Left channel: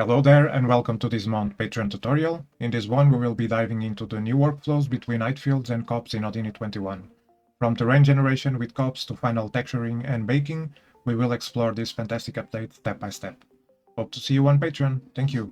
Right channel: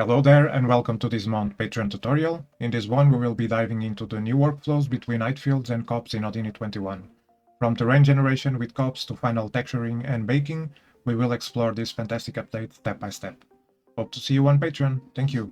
Hello there and welcome to this month's Patreon tutorial. In this one we will be diving into the new workflows between Heightfields and cops in Houdini 21. From terrain generation with cops to final texturing and baking, we will explore this fantastic update step by step. Hope to see you on Patreon. Thank you.